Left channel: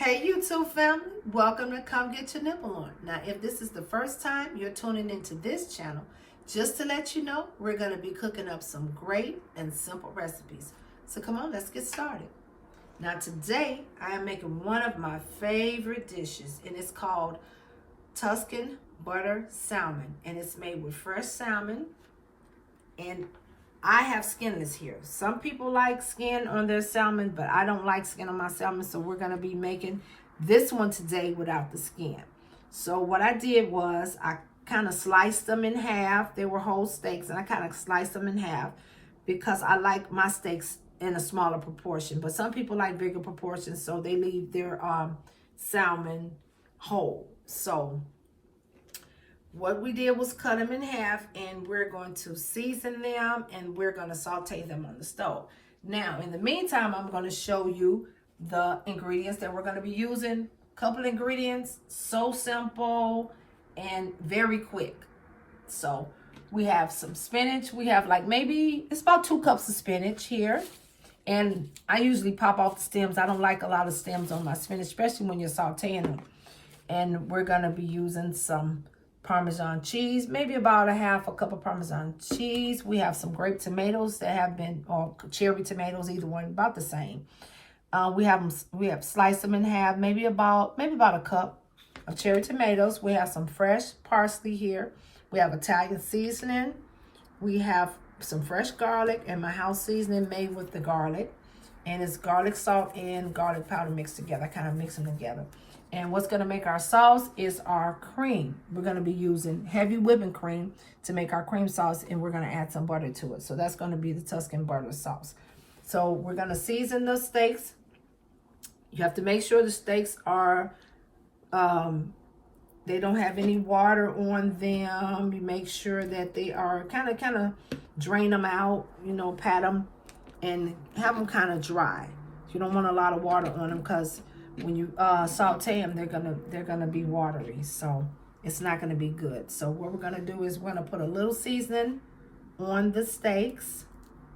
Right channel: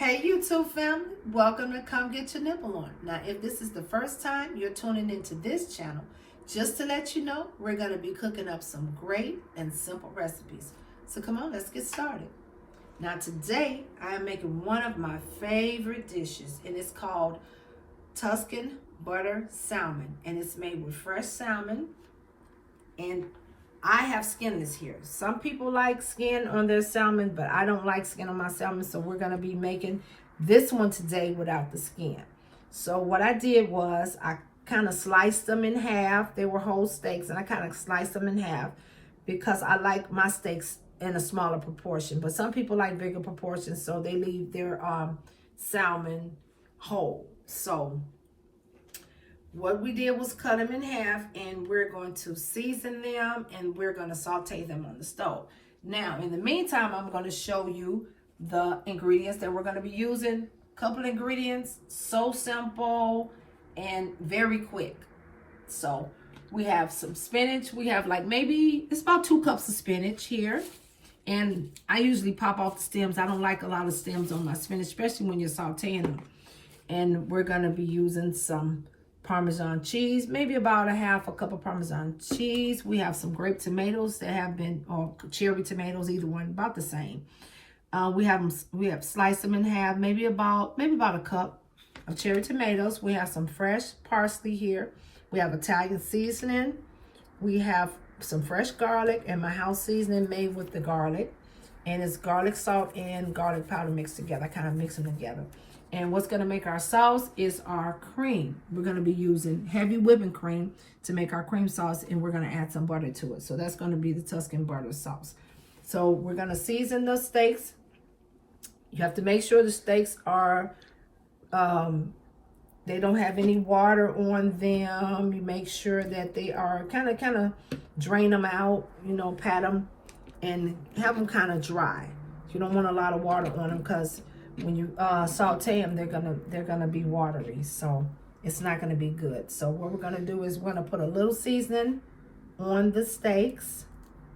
Hey YouTube family, welcome to Come Get Your Nibble On. Now if this is the first time you're tuning into this channel, just to let you know, we're going to be cooking up some great and simple recipes. So come on, let's get started. Now today I am making one of my favorite dishes, and it's called Tuscan butter salmon, and it's made with fresh salmon, and I have skinless here. Some people like skin on their salmon, but I don't like skin on my salmon, so we're going to be making this one today without the skin. So what I did was I kind of sliced them in half. They were whole steaks, and I kind of sliced them in half because I like my steaks in a smaller proportion. But some people like bigger proportions, so they leave their salmon whole. So what we did was cut them in half, and we're going to season them, and we're going to saute them on the stove. Now, in the meantime, I'm going to show you the ingredients that we're going to be using. A couple ingredients, so simple and very quick. So we have some spinach. We have like maybe, it's about 2 cups of spinach here. And I usually pop off the stems. I don't like a lot of stems on my spinach, especially when you're sauteing them. And we're going to be using some Parmesan cheese, maybe about a cup of Parmesan cheese. We have some grape tomatoes that have been, or cherry tomatoes, either one, about the same. We have sliced them in half, maybe about a cup of cherry tomatoes. We have some fresh parsley here. We have Italian seasoning. We have some fresh garlic and my house seasoning made with the garlic, and it's garlic salt and garlic powder mixed together. I kind of mix them together. And what's going to make our sauce is our cream. We're going to be using heavy whipping cream to make our cream sauce, and we're going to add some butter to it. So that's going to be the Tuscan butter sauce. So we're going to season the steaks. You have to make sure the steaks are, they don't have any water on them. You make sure that they are kind of drain them out, you know, pat them and have them kind of dry. You don't want a lot of water on them because when you saute them, they're gonna be watery, so it's not gonna be good. So what we're gonna do is we're gonna put a little seasoning on the steaks,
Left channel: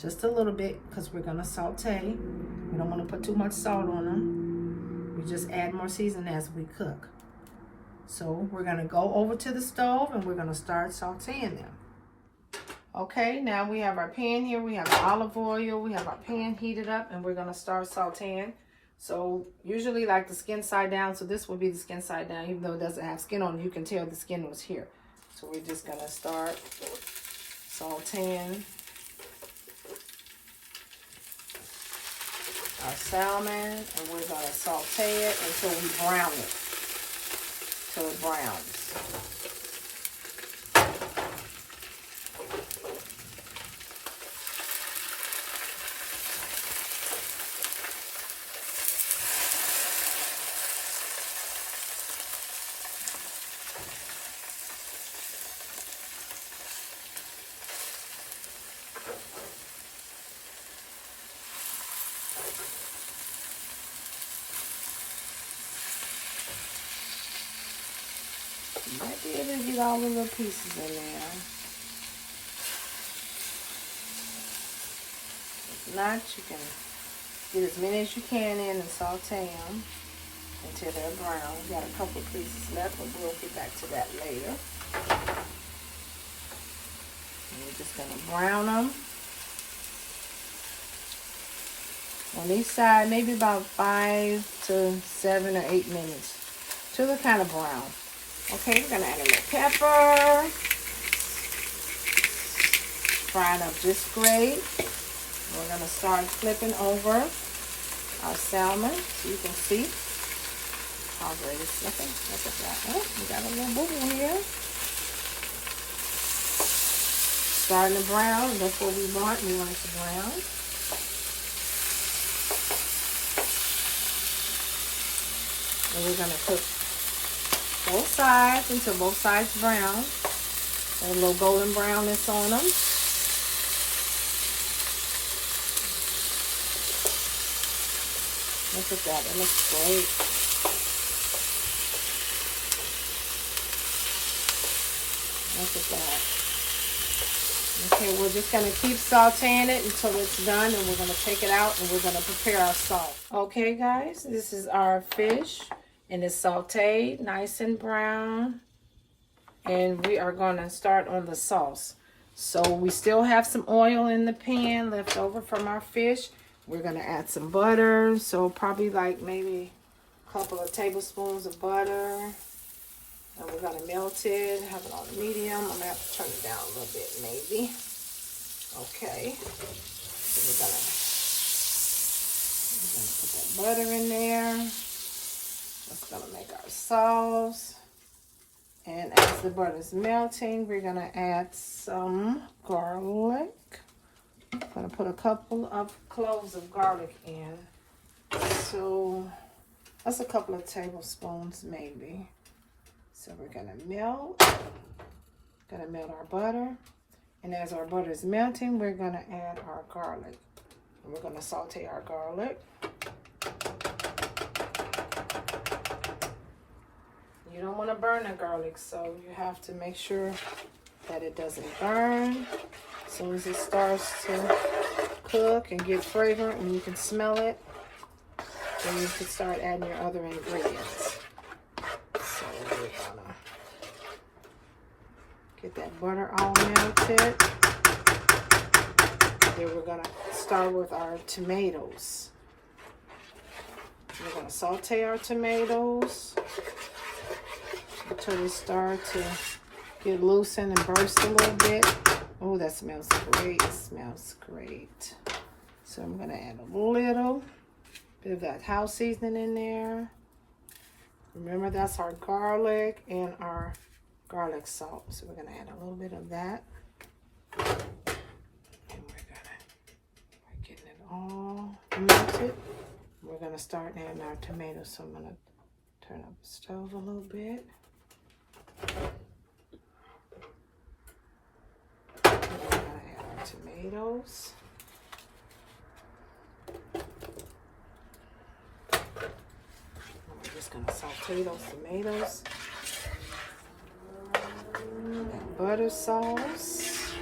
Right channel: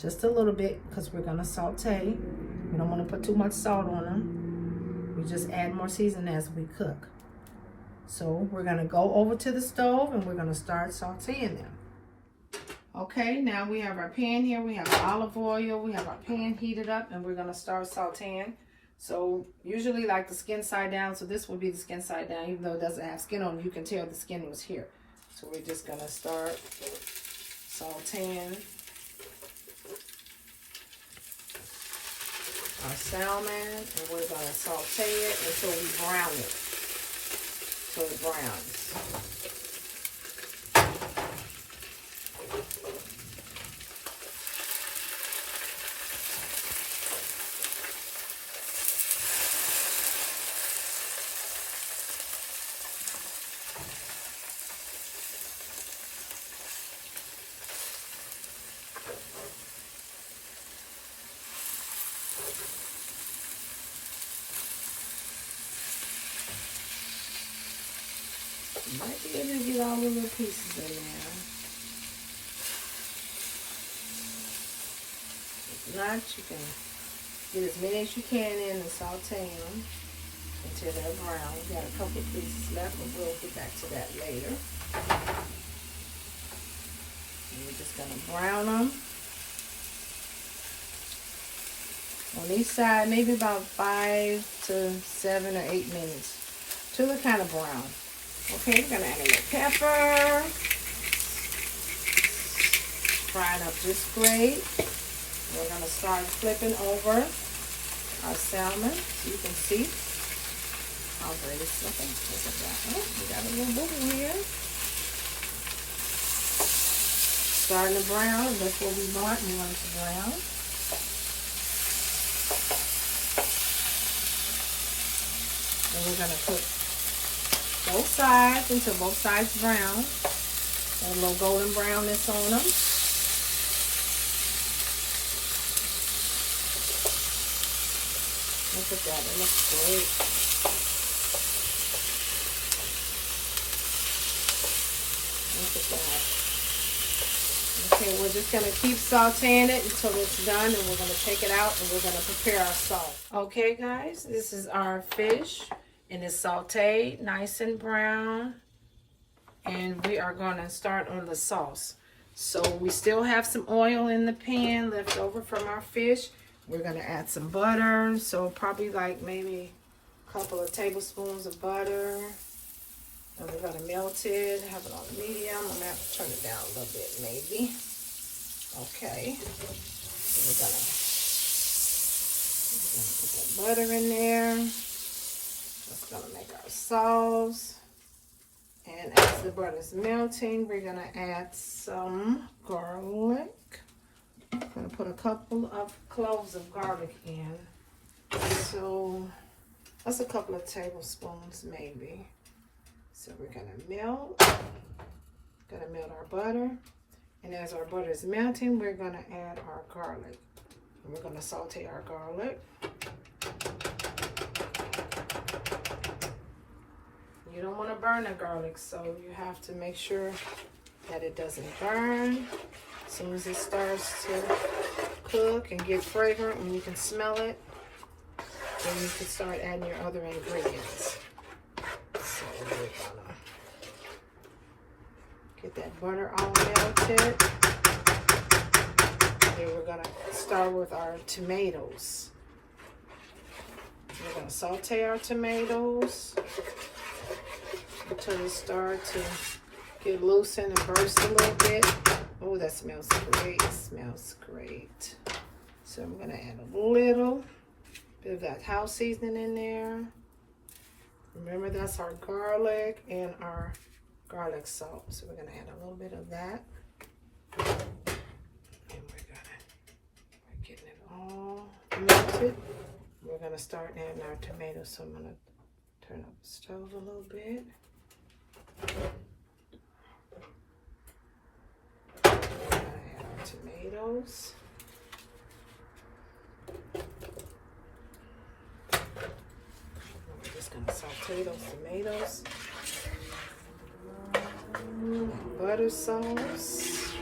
just a little bit, because we're gonna saute. We don't want to put too much salt on them. We just add more seasoning as we cook. So we're gonna go over to the stove and we're gonna start sauteing them. Okay, now we have our pan here. We have olive oil. We have our pan heated up, and we're gonna start sauteing. So usually like the skin side down, so this will be the skin side down. Even though it doesn't have skin on it, you can tell the skin was here. So we're just going to start sauteing our salmon, and we're going to saute it until we brown it, till it browns. You might be able to get all the little pieces in there. If not, you can get as many as you can in and saute them until they're brown. We got a couple of pieces left, but we'll get back to that later. And we're just going to brown them on each side, maybe about 5 to 7 or 8 minutes till they're kind of brown. Okay, we're going to add a little pepper. Frying up just great. We're going to start flipping over our salmon so you can see how great it's looking. Look at that. Oh, we got a little booger here. Starting to brown. That's what we want. We want it to brown. And we're going to cook both sides until both sides brown. And a little golden brownness on them. Look at that, it looks great. Look at that. Okay, we're just going to keep sauteing it until it's done, and we're going to take it out and we're going to prepare our sauce. Okay, guys, this is our fish, and it's sauteed, nice and brown. And we are going to start on the sauce. So we still have some oil in the pan left over from our fish. We're going to add some butter, so probably like maybe a couple of tablespoons of butter. And we're going to melt it, have it on medium. I'm going to have to turn it down a little bit, maybe. Okay. So we're going to put that butter in there. That's going to make our sauce. And as the butter is melting, we're going to add some garlic. I'm going to put a couple of cloves of garlic in. So that's a couple of tablespoons, maybe. So we're going to melt our butter. And as our butter is melting, we're going to add our garlic. And we're going to saute our garlic. You don't want to burn the garlic, so you have to make sure that it doesn't burn. As soon as it starts to cook and get fragrant, and you can smell it, then you can start adding your other ingredients. So we're gonna get that butter all melted. Then we're gonna start with our tomatoes. We're gonna saute our tomatoes until they start to get loosened and burst a little bit. Oh, that smells great. It smells great. So I'm gonna add a little bit of that house seasoning in there. Remember, that's our garlic and our garlic salt. So we're going to add a little bit of that. And we're getting it all melted. We're going to start adding our tomatoes. So I'm going to turn up the stove a little bit. We're going to add our tomatoes. Gonna saute those tomatoes. Butter sauce.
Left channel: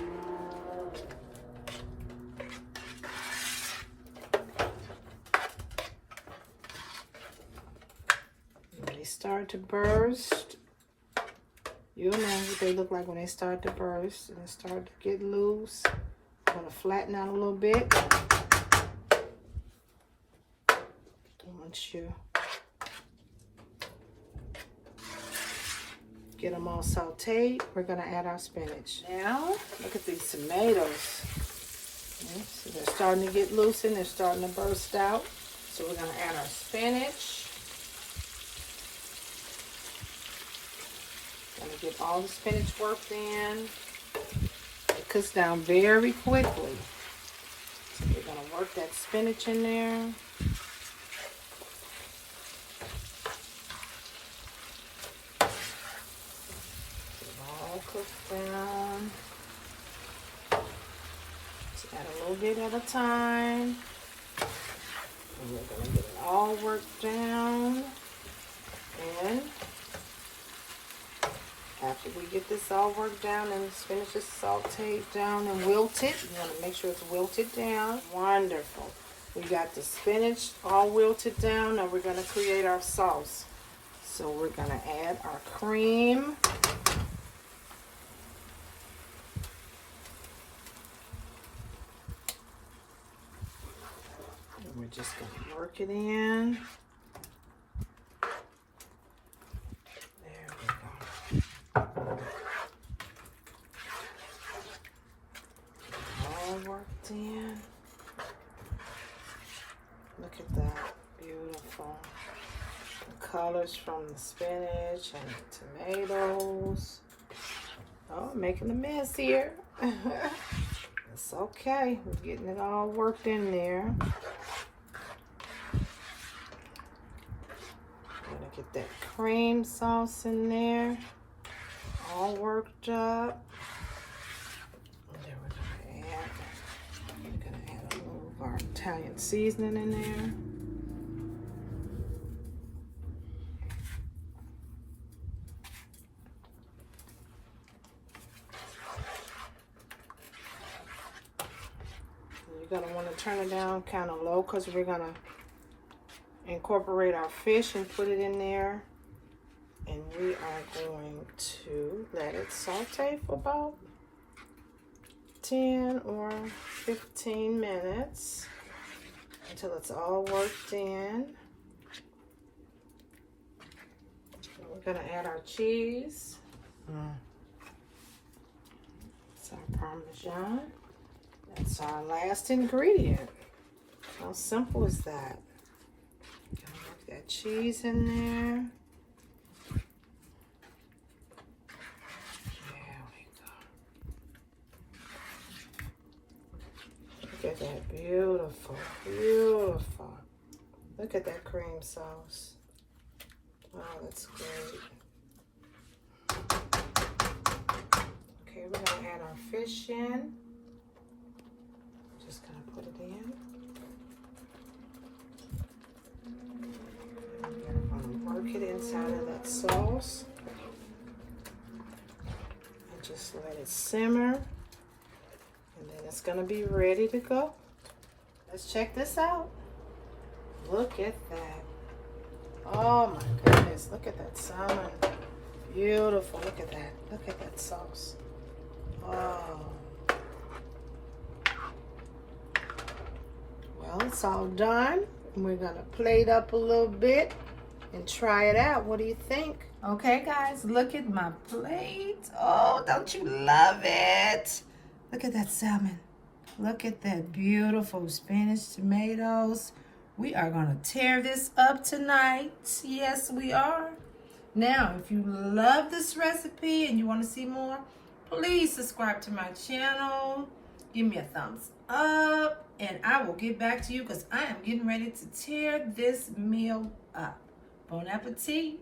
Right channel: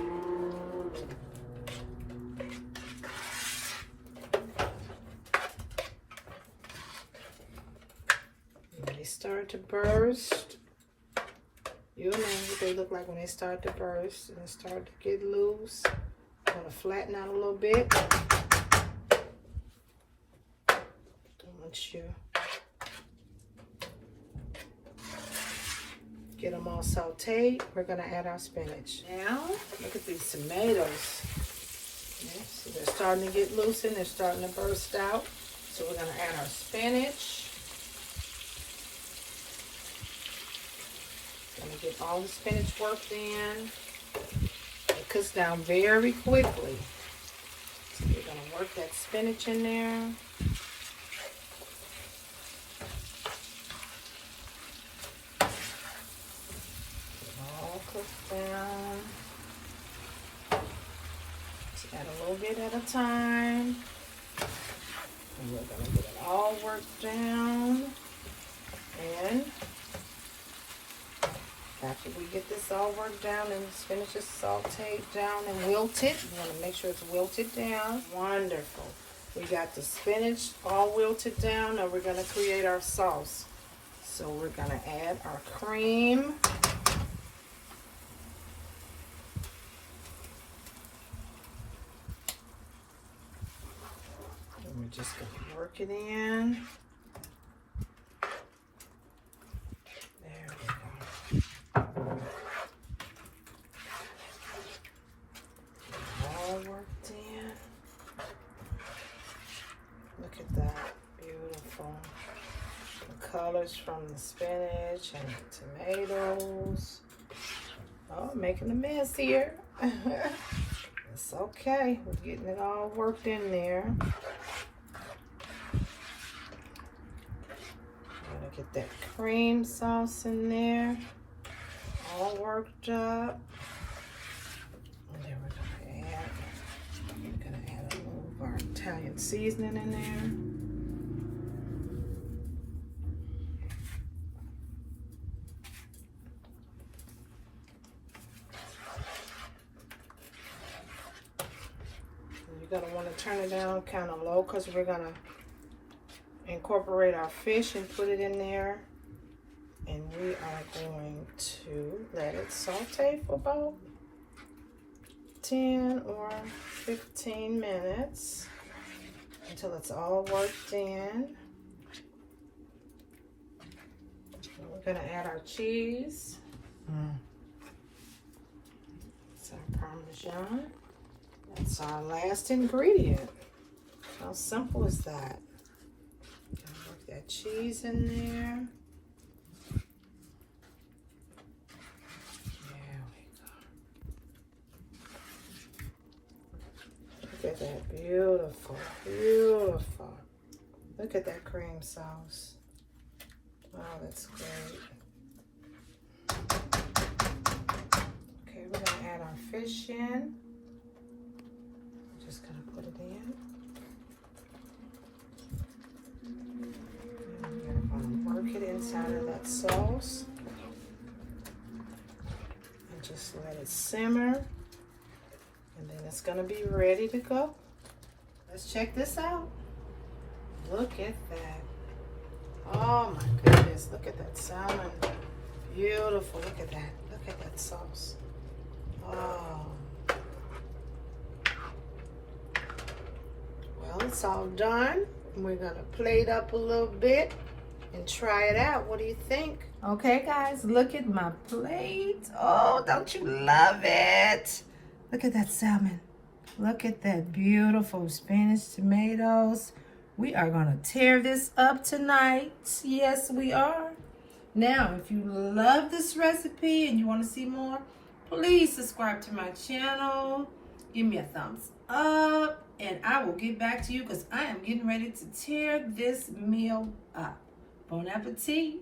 When they start to burst, you'll know what they look like when they start to burst and start to get loose. I'm gonna flatten out a little bit. Once you get them all sauteed, we're going to add our spinach. Now, look at these tomatoes. Okay, so they're starting to get loosened, they're starting to burst out. So we're going to add our spinach. Going to get all the spinach worked in. It cooks down very quickly. So we're going to work that spinach in there. Down. So add a little bit at a time. And we're going to get it all worked down. And after we get this all worked down and the spinach is sauteed down and wilted, you want to make sure it's wilted down. Wonderful. We got the spinach all wilted down. Now we're going to create our sauce. So we're going to add our cream. We're just going to work it in. There we go. All worked in. Look at that. Beautiful. The colors from the spinach and the tomatoes. Oh, I'm making a mess here. It's okay. We're getting it all worked in there. Get that cream sauce in there, all worked up. And then we're gonna add a little of our Italian seasoning in there. turn it down kind of low because we're gonna incorporate our fish and put it in there. And we are going to let it saute for about 10 or 15 minutes until it's all worked in. And we're gonna add our cheese. Some Parmesan. That's our last ingredient. How simple is that? Gotta work that cheese in there. There we go. Look at that, beautiful, beautiful. Look at that cream sauce. Oh, that's great. Okay, we're gonna add our fish in. Just gonna put it in. And we're gonna work it inside of that sauce. And just let it simmer. And then it's gonna be ready to go. Let's check this out. Look at that. Oh my goodness, look at that salmon. Beautiful, look at that. Look at that sauce. Oh. Well, it's all done. We're gonna plate up a little bit and try it out. What do you think? Okay, guys, look at my plate. Oh, don't you love it? Look at that salmon. Look at that beautiful Spanish tomatoes. We are gonna tear this up tonight. Yes, we are. Now, if you love this recipe and you want to see more, please subscribe to my channel. Give me a thumbs up, and I will get back to you because I am getting ready to tear this meal up. Bon appetit.